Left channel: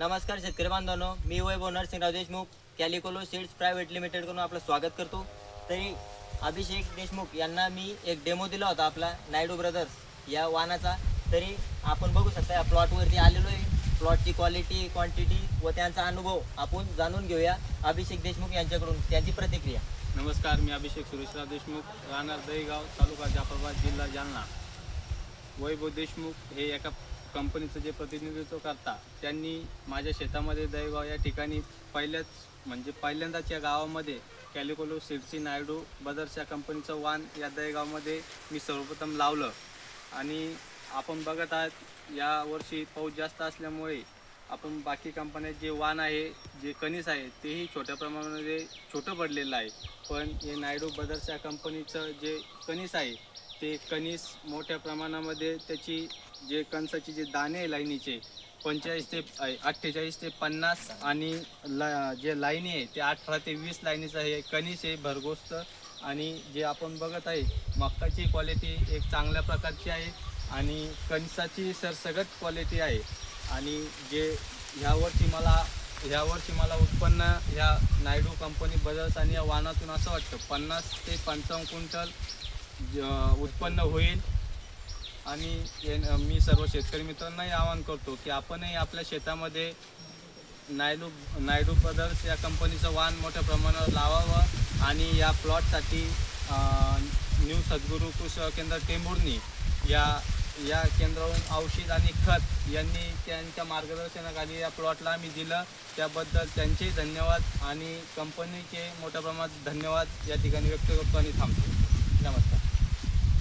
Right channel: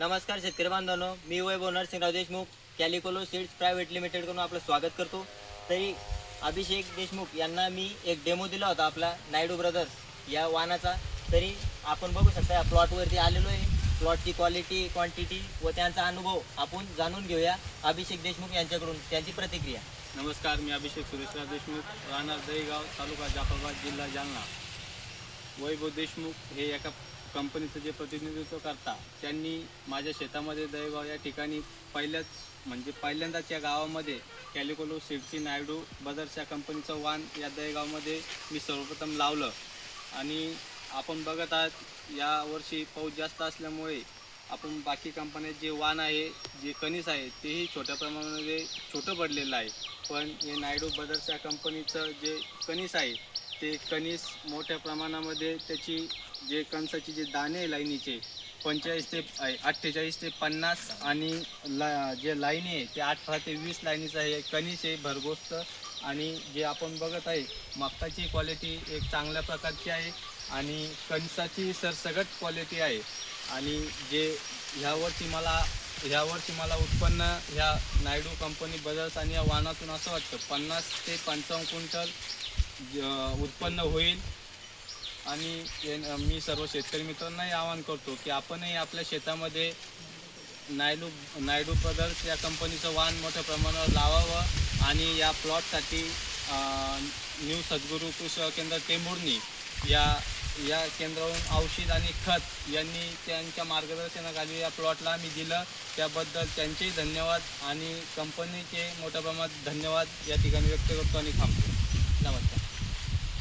नमस्कार शेतकरी बांधवांनो, मी वैभव नरसिंहराव देशमुख कॅलिकोलो सीड्स प्रायव्हेट लिमिटेड कडून आपलं स्वागत करतो। तरी अभिषेक देशमुख यांना मी एक डेमो दिला होता आपला नायडू ब्रदर्स या वाहनाचा। तरी आपण बघू शकता या प्लॉटवरती आलेलो आहे। प्लॉटची क्वालिटी, क्वांटिटी व त्यांचा अनुभव आपण जाणून घेऊया अभिषेक देशमुख यांच्याकडून, त्यांची प्रतिक्रिया। नमस्कार, मी अभिषेक सुरेशराव देशमुख, राहणार दहीगाव, तालुका जाफराबाद, जिल्हा जालना। वैभव देशमुख हे एका कंपनीचं जे प्रतिनिधित्व करता, त्यांनी माझ्या शेतामध्ये दहीगाव या ठिकाणी पहिल्यांदाच या गावामध्ये कॅलिकोलो सीड्सची नायडू ब्रदर्स या कंपनीचं वाण या दहीगावमध्ये मी सर्वप्रथम लावलं। आणि आपण बघत आहात या वर्षी पाऊस जास्त असल्यामुळे आपण बाकी कंपन्यात जे वाण आहे, जे कणीस आहे, तेही छोट्या प्रमाणामध्ये छोटं पडलेलं आहे। पण हे नायडू ब्रदर्स या कंपनीचं जे कणीस आहे ते कणीस मोठ्या प्रमाणामध्ये त्याची जे कणसाचे जे दाणे आहे लाईनीचे 45 ते 48 ते 50 आणि जे लाईनी आहे ते 18 ते 20 लाईनीचं आहे कणीस आहे भरघोस्त। आणि जे आपण बघत आहे मक्काची क्वालिटी एक चांगल्या प्रकारची आहे आणि कणसाची सरसगट क्वालिटी आहे। आणि जे ह्यावर्षी मला उत्पन्न ह्या नायडू कंपनी ब्रदर्स आणि या वाहनातून असं वाटतं 50 ते 55 क्विंटल उत्पन्न होईल। आणि मी सर्व शेतकरी मित्रांनाही आवाहन करतो की आपणही आपल्या शेतामध्ये नायडू ब्रदर्स या कंपनीचं वाण मोठ्या प्रमाणावर लावावं। आणि या प्लॉटसाठी न्यू सद्गुरू कृषी केंद्र टेंभुर्णी या केंद्रावरून औषध आणि खत यांनी त्यांच्या मार्गदर्शनाखाली या प्लॉटला आम्ही दिलं, त्याबद्दल त्यांचेही धन्यवाद आणि कंपनीचे मोठ्या प्रमाणात धन्यवाद या ठिकाणी व्यक्त करतो आणि थांबतो। नमस्कार।